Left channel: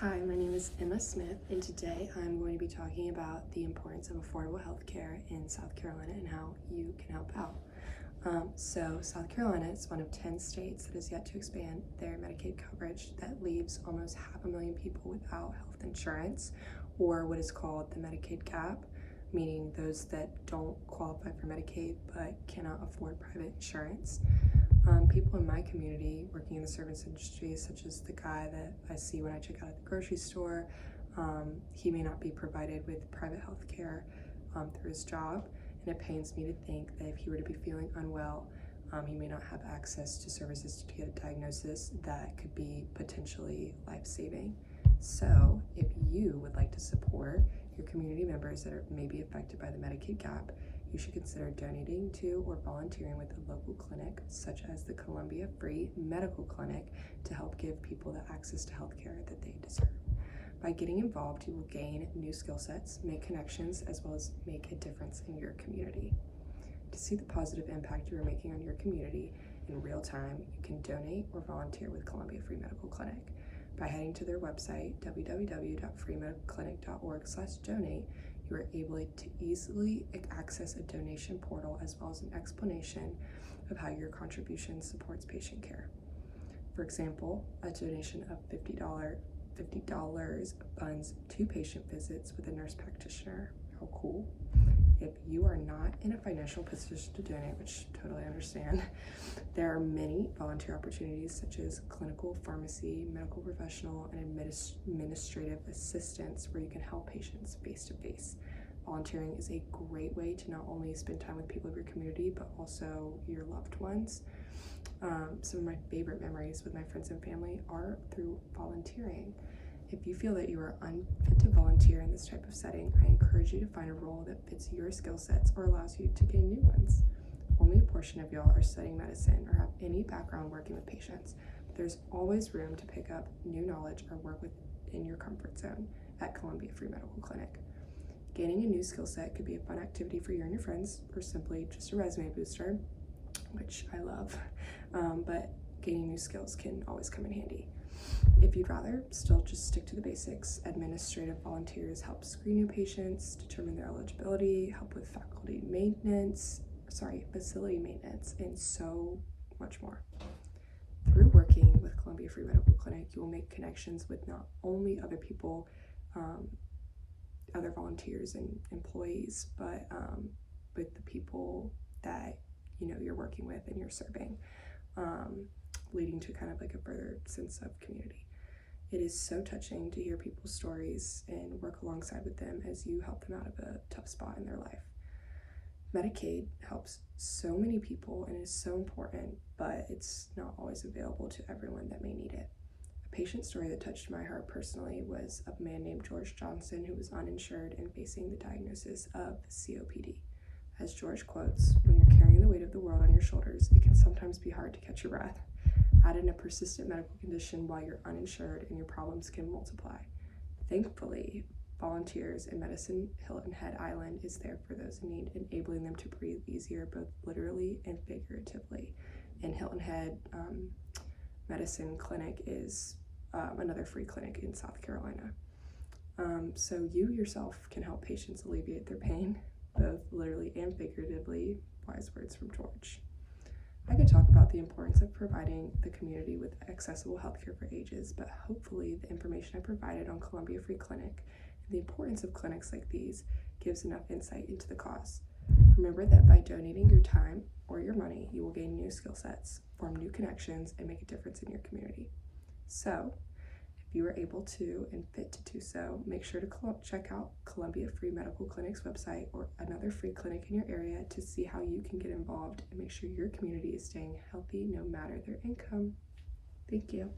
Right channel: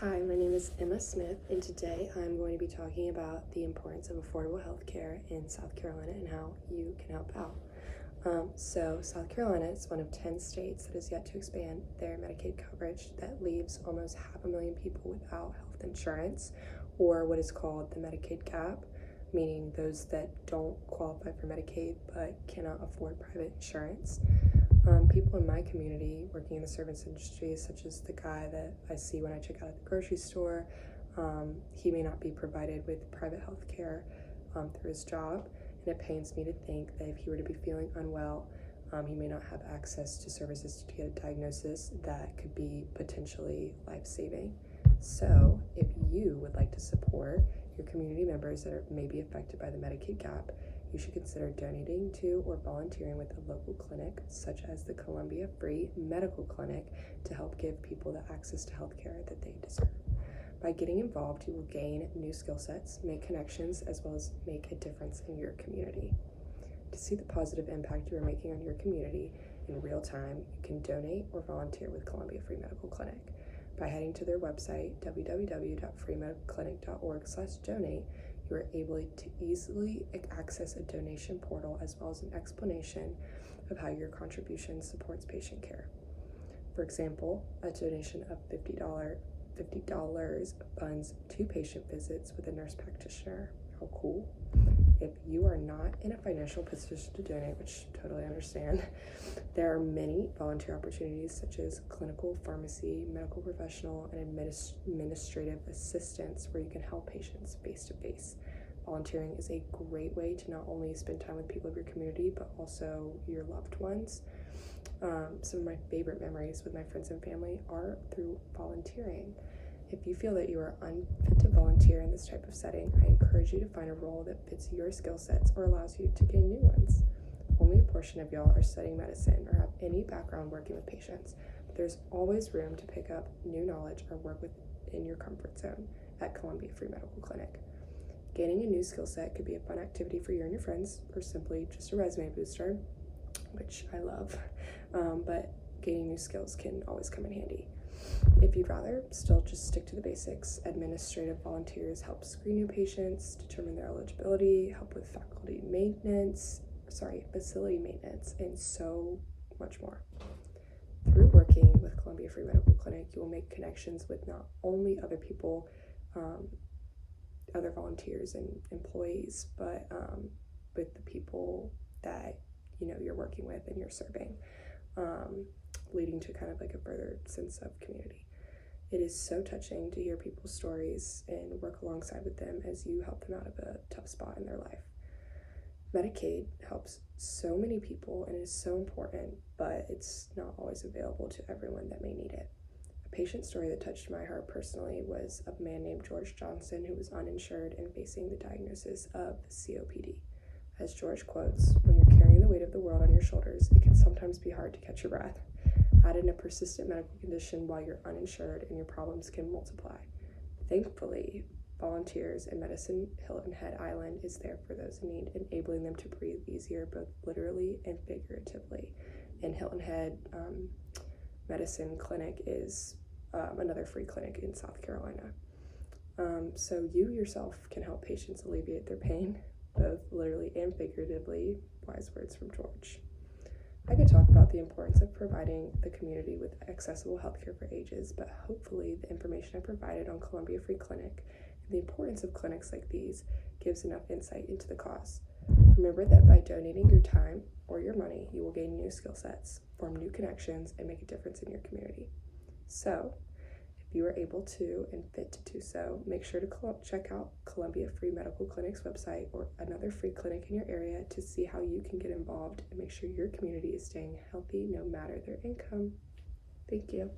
Hi, my name is Emma Smith, and today I'm going to be talking about the importance of affordable health care in South Carolina and how you can help out. South Carolina is one of 10 states that has yet to expand their Medicaid coverage. That leaves almost 500,000 people without health insurance, or what is called the Medicaid gap, meaning those that don't qualify for Medicaid but cannot afford private insurance. People in my community working in the service industry, such as the guy that I see when I check out at the grocery store, he may not be provided with private health care through his job, and it pains me to think that if he were to be feeling unwell, he may not have access to services to get a diagnosis that could be potentially life-saving. So if you would like to support your community members that may be affected by the Medicaid gap, you should consider donating to or volunteering with a local clinic, such as the Columbia Free Medical Clinic, to help give people the access to healthcare that they deserve. By getting involved, you will gain new skill sets, make connections, as well as make a difference in your community. To see the positive impact you are making on your community in real time, you can donate or volunteer with Columbia Free Medical Clinic. By heading to their website, www.freemedicalclinic.org/donate, you are able to easily access a donation portal as well as an explanation of how your contribution supports patient care. For example, a donation of $50 funds 2 patient visits with a nurse practitioner. How cool. If you are not in a financial position to donate, which I totally understand, there are many volunteer opportunities such as clinical pharmacy, medical professional, and administrative assistance where you can help patients face-to-face. Volunteering is a great way to not only spend time with people of your community, but also your loved ones. Some of my favorite memories with my friends and family are through volunteering. If you feel that you are unfit to volunteer in this type of setting, I encourage you to find a role that fits your skill sets or allows you to gain new ones. Only a portion of y'all are studying medicine or have any background working with patients, but there's always room to pick up new knowledge or work within your comfort zone at Columbia Free Medical Clinic. Gaining a new skill set could be a fun activity for you and your friends, or simply just a resume booster, which I love, but gaining new skills can always come in handy. If you'd rather still just stick to the basics, administrative volunteers help screen new patients, determine their eligibility, help with facility maintenance, and so much more. Through working with Columbia Free Medical Clinic, you will make connections with not only other people, other volunteers and employees, but with the people that you're working with and you're serving, leading to kind of like a further sense of community. It is so touching to hear people's stories and work alongside with them as you help them out of a tough spot in their life. Medicaid helps so many people and is so important, but it's not always available to everyone that may need it. A patient story that touched my heart personally was of a man named George Johnson who was uninsured and facing the diagnosis of COPD. As George quotes, "When you're carrying the weight of the world on your shoulders, it can sometimes be hard to catch your breath. Add in a persistent medical condition while you're uninsured and your problems can multiply." Thankfully, volunteers in Medicine Hilton Head Island is there for those in need, enabling them to breathe easier both literally and figuratively. And Hilton Head Medicine Clinic is another free clinic in South Carolina. So you yourself can help patients alleviate their pain, both literally and figuratively. Wise words from George. I could talk about the importance of providing the community with accessible healthcare for ages, but hopefully the information I provided on Columbia Free Clinic and the importance of clinics like these gives enough insight into the cause. Remember that by donating your time or your money, you will gain new skill sets, form new connections, and make a difference in your community. So, if you are able to and fit to do so, make sure to check out Columbia Free Medical Clinic's website or another free clinic in your area to see how you can get involved and make sure your community is staying healthy no matter their income. Thank you.